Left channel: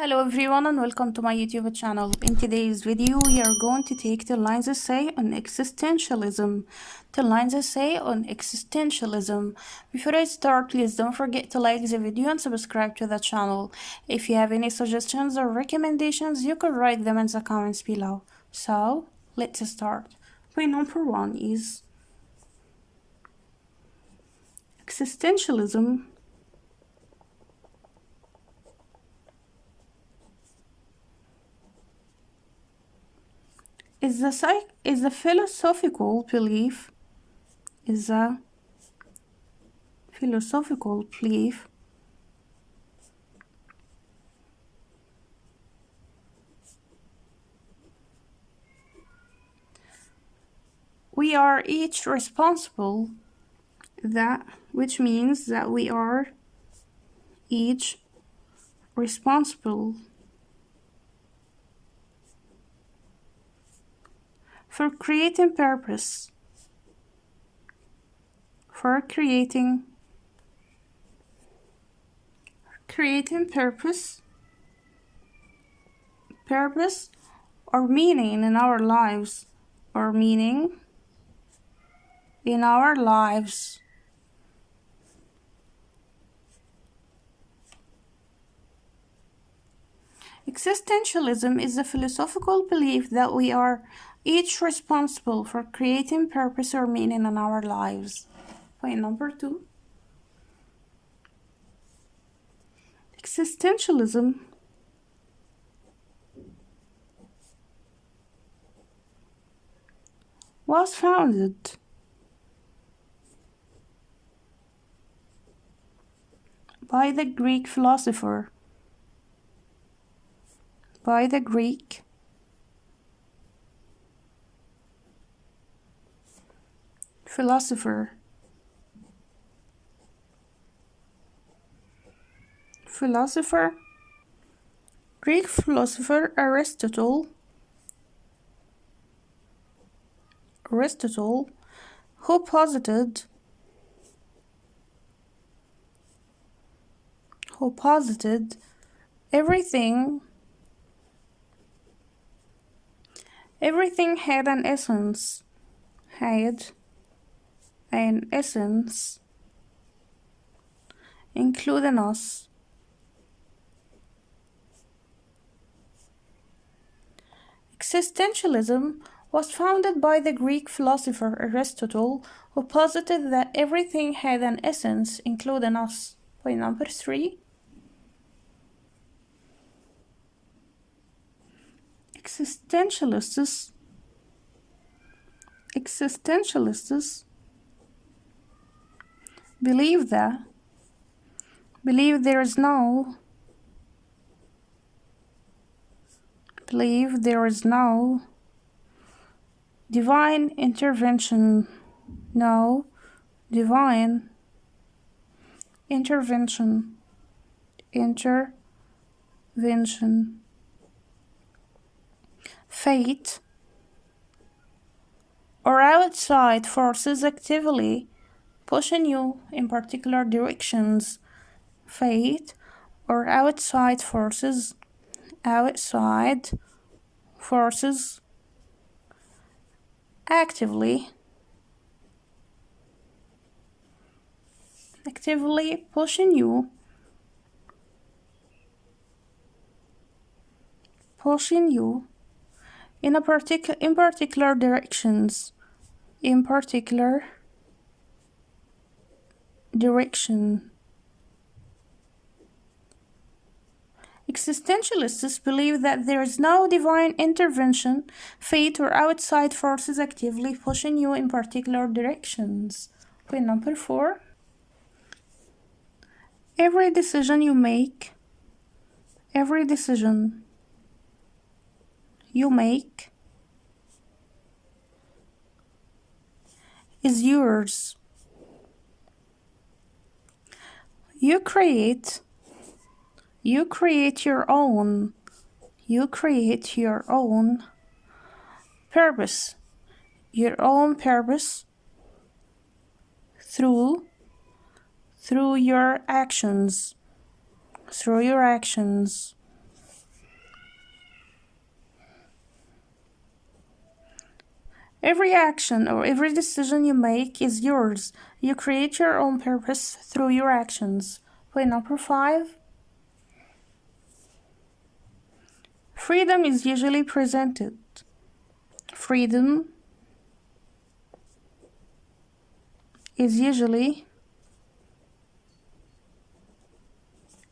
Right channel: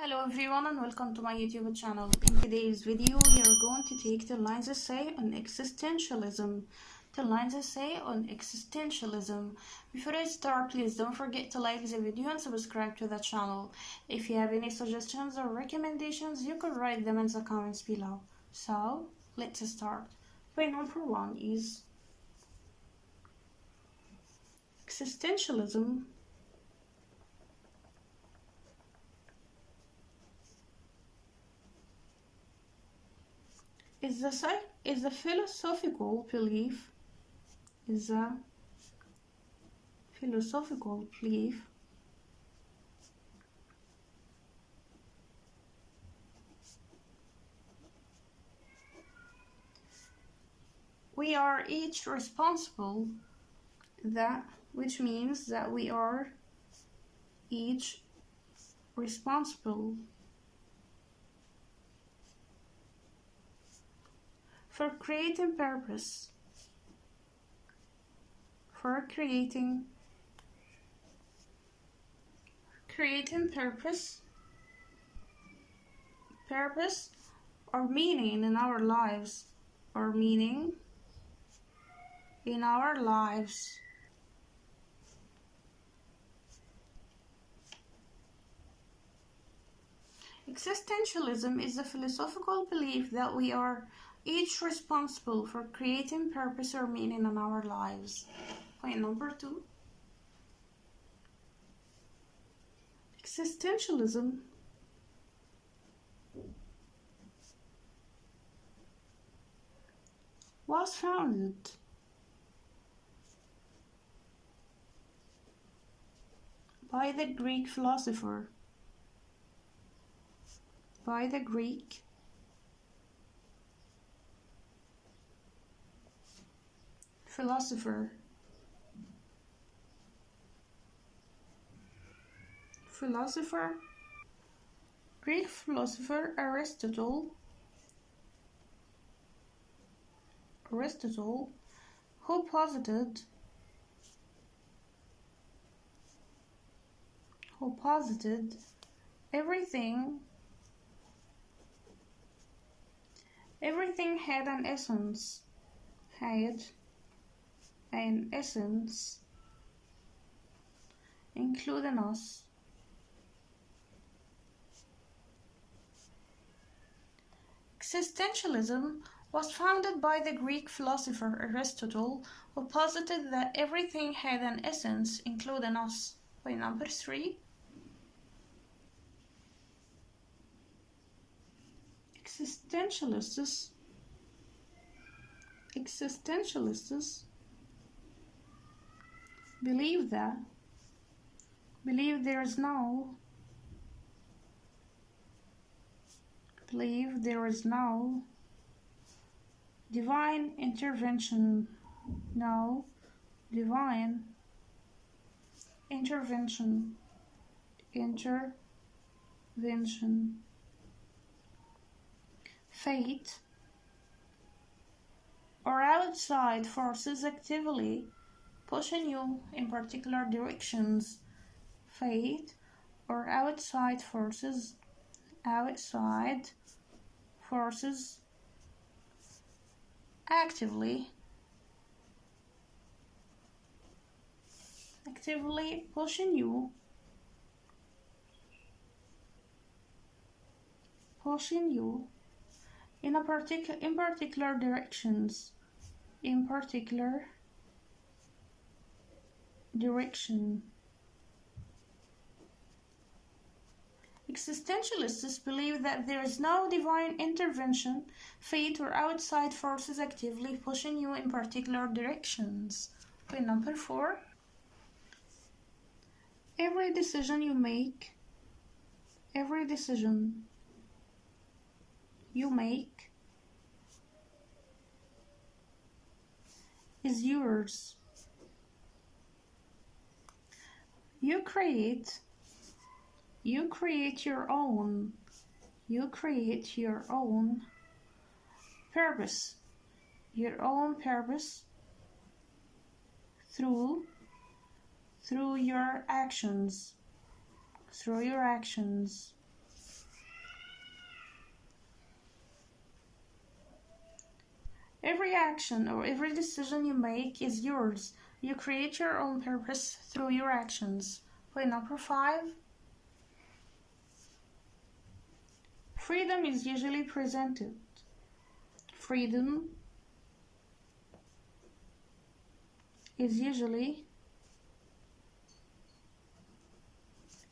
Hello everyone and welcome to my YouTube channel. In today's video we are going to take the lines essay on existentialism. Before I start, please don't forget to like the video and subscribe to the channel. If you have any suggestions or recommendations, you can write them in the comments below. So let's start. Point number 1 is existentialism is a philosophical belief we are each responsible, which means that we are each responsible for creating purpose, purpose or meaning in our lives, Existentialism is the philosophical belief that we are each responsible for creating purpose or meaning in our lives. Point number 2. Existentialism was founded by the Greek philosopher Aristotle, who posited everything had an essence, including us. Existentialism was founded by the Greek philosopher Aristotle, who posited that everything had an essence, including us. Point number 3. Existentialists believe there is no divine intervention. Fate or outside forces actively pushing you in particular directions. Fate or outside forces actively pushing you in particular directions. Existentialists believe that there is no divine intervention, fate, or outside forces actively pushing you in particular directions. Point number 4. Every decision you make is yours. You create your own purpose, through your actions. Every action or every decision you make is yours. You create your own purpose through your actions. Point number 5. Freedom is usually presented. Freedom is usually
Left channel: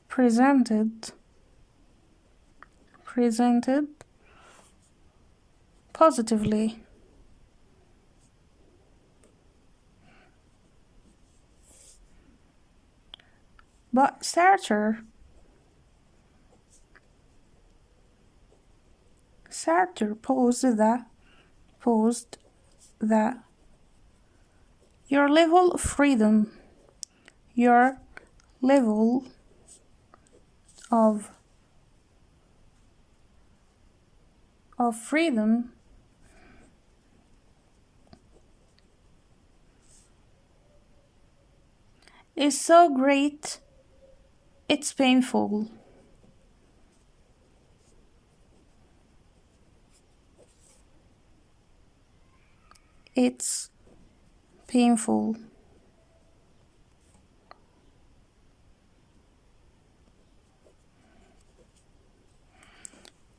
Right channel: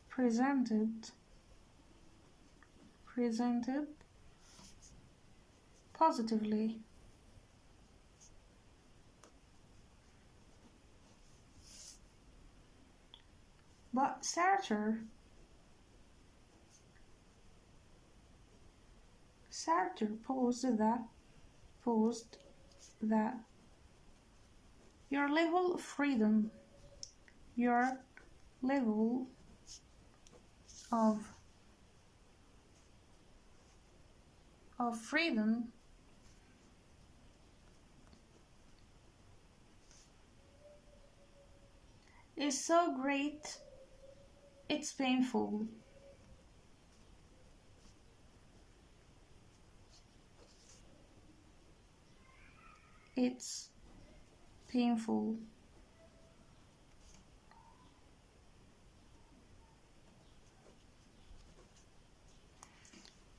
presented positively. But Sartre posed that your level of freedom, your level of freedom is so great, it's painful. It's painful.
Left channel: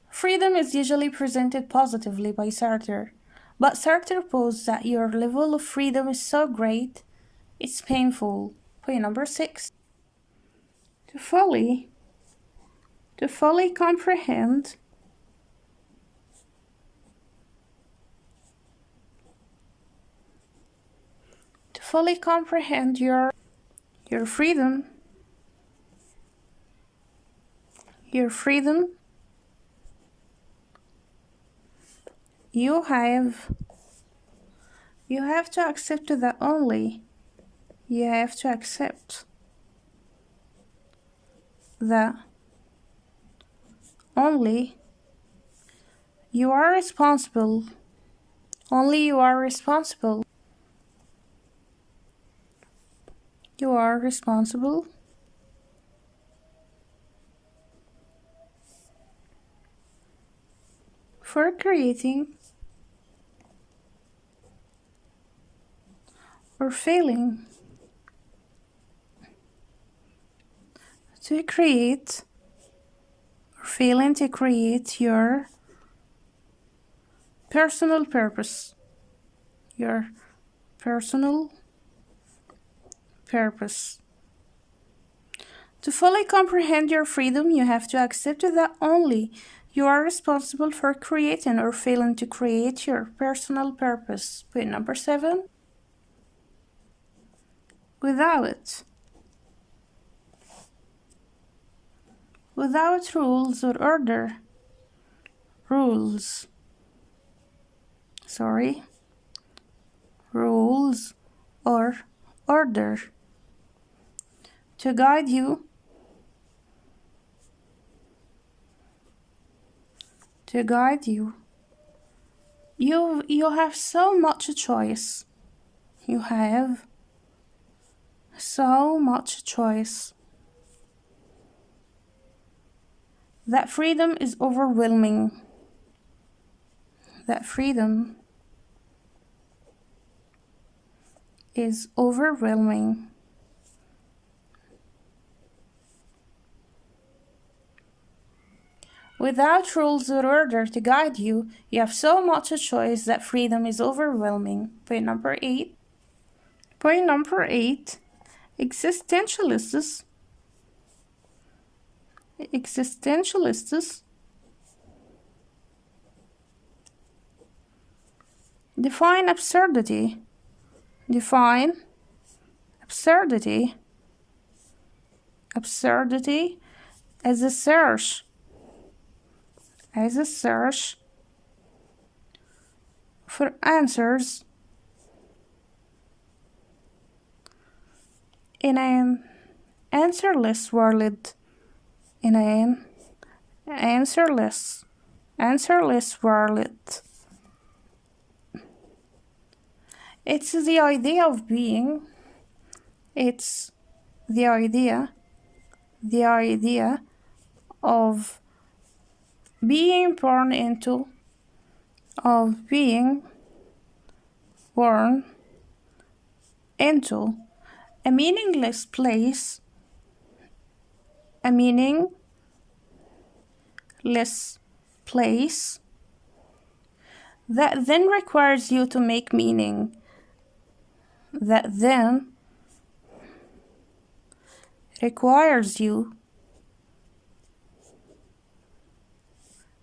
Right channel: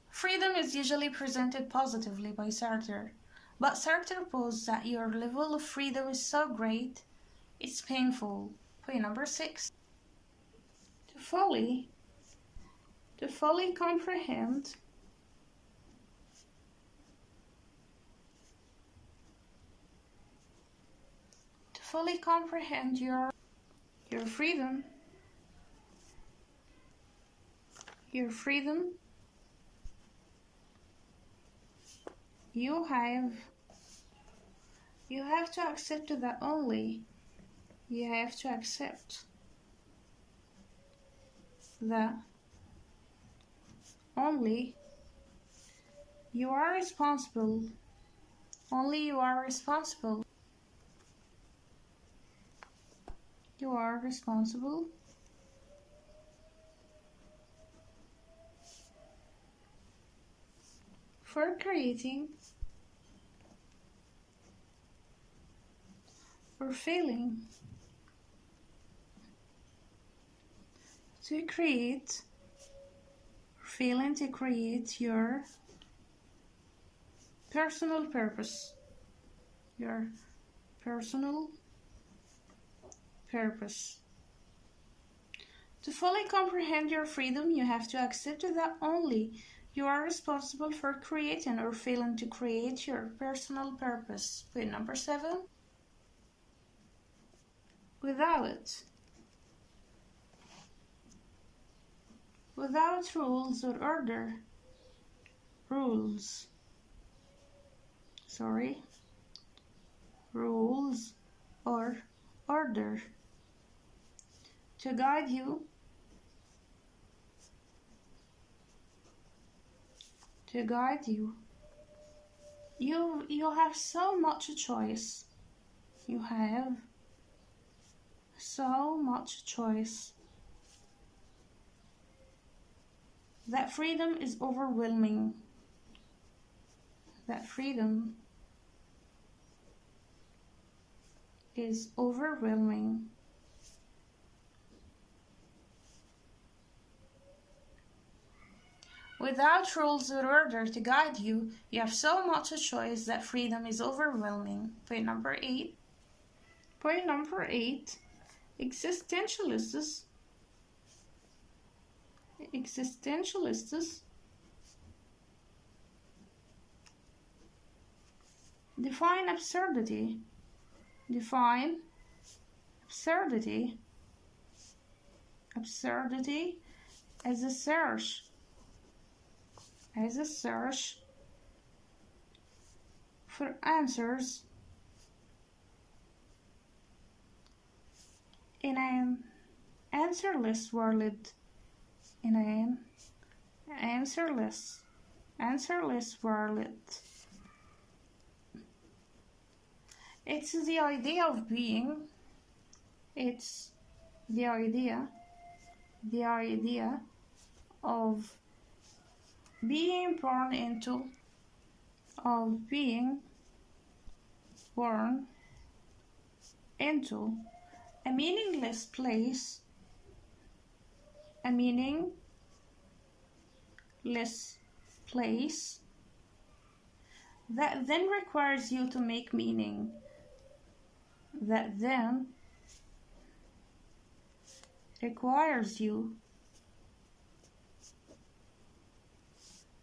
Freedom is usually presented positively by Sartre, but Sartre posed that your level of freedom is so great, it's painful. Point number 6. To fully comprehend your freedom, you have to accept that only you are responsible. Only you are responsible. You are responsible for creating or failing to create your personal purpose. Your personal purpose. To fully comprehend your freedom, you have to accept that only you are responsible for creating or failing to create your personal purpose. Point number 7. Without rules or order, rules or order to guide you, you have so much choice. You have so much choice. That freedom is overwhelming. That freedom is overwhelming. Without rules or order to guide you, you have so much choice that freedom is overwhelming. Point number 8. Existentialists define absurdity as a search for answers in an answerless world. It's the idea of being. It's the idea of being born into, born into a meaningless place, a meaningless place that then requires you to make meaning, that then requires you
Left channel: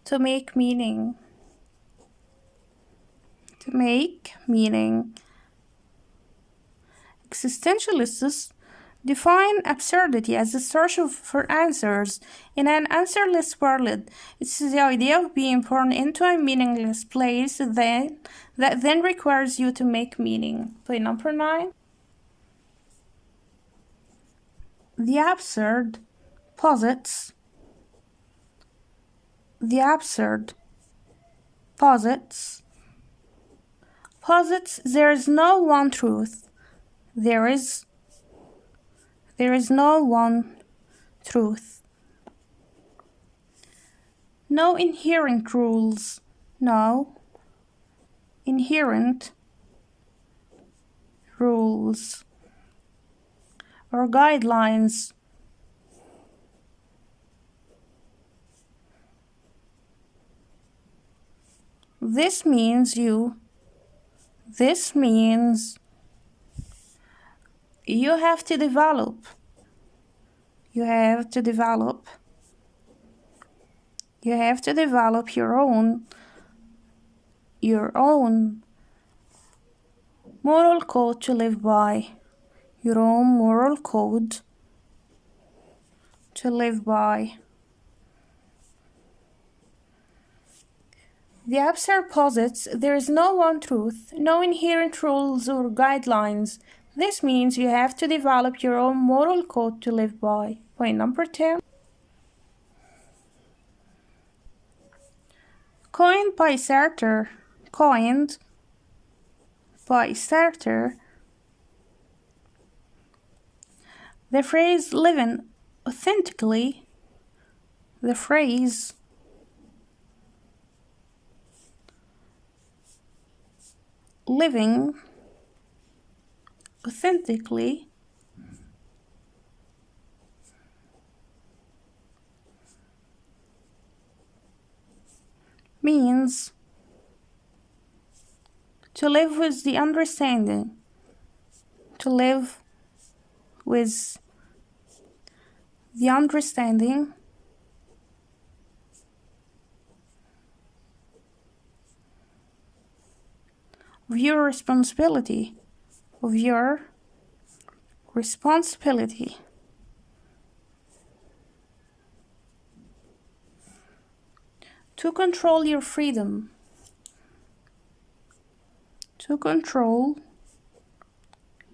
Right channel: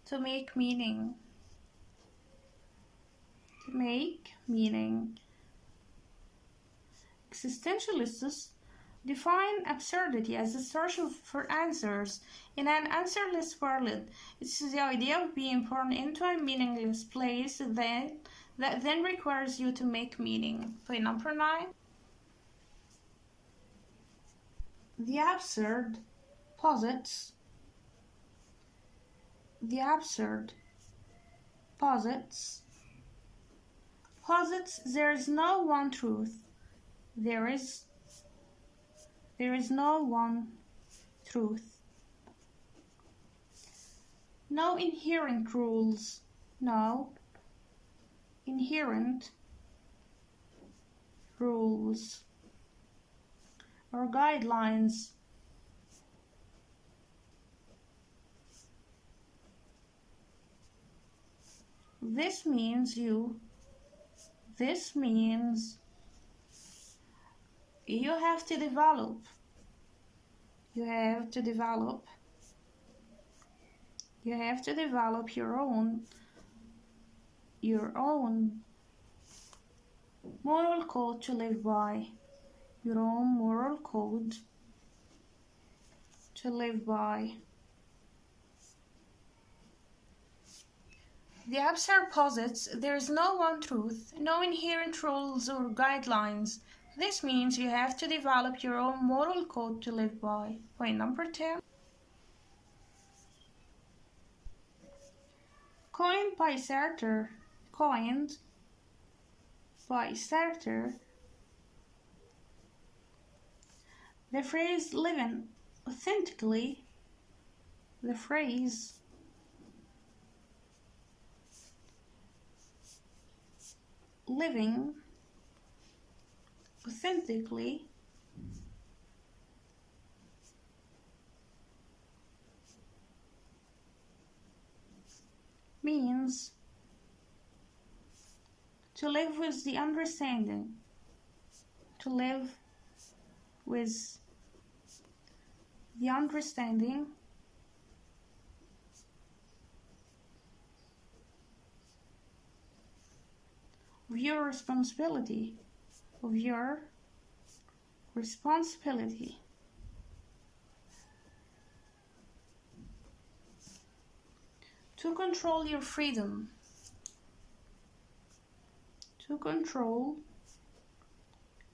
to make meaning, to make meaning. Existentialists define absurdity as the search for answers in an answerless world. It's the idea of being born into a meaningless place that then requires you to make meaning. Point number 9. The absurd posits there is no one truth. There is no one truth. No inherent rules. No inherent rules or guidelines. This means you have to develop. You have to develop your own moral code to live by. Your own moral code to live by. The absurd posits there is no one truth, no inherent rules or guidelines. This means you have to develop your own moral code to live by. Point number 10. Coined by Sartre, the phrase living authentically, means to live with the understanding, of your responsibility, to control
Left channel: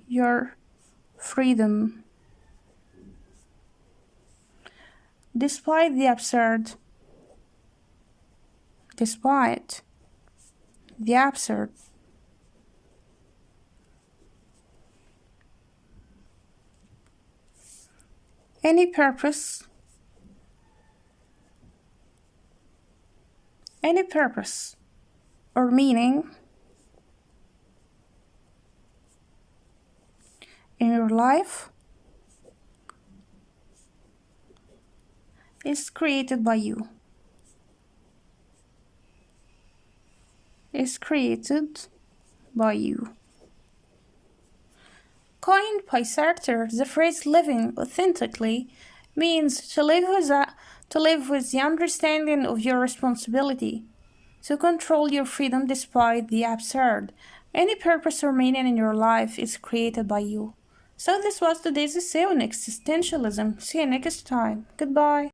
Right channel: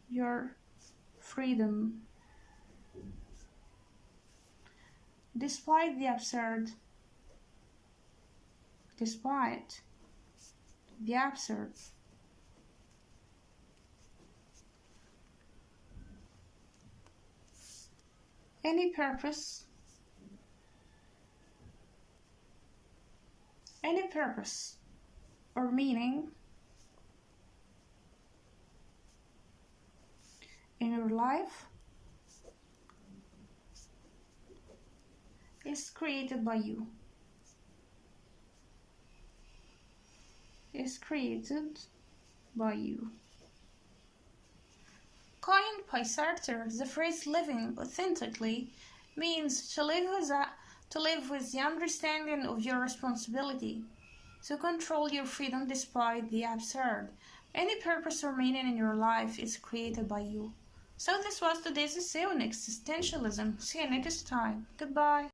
your freedom, despite the absurd, any purpose or meaning in your life is created by you. Coined by Sartre, the phrase living authentically means to live with the understanding of your responsibility, to control your freedom despite the absurd. Any purpose or meaning in your life is created by you. So this was today's essay on existentialism. See you next time. Goodbye.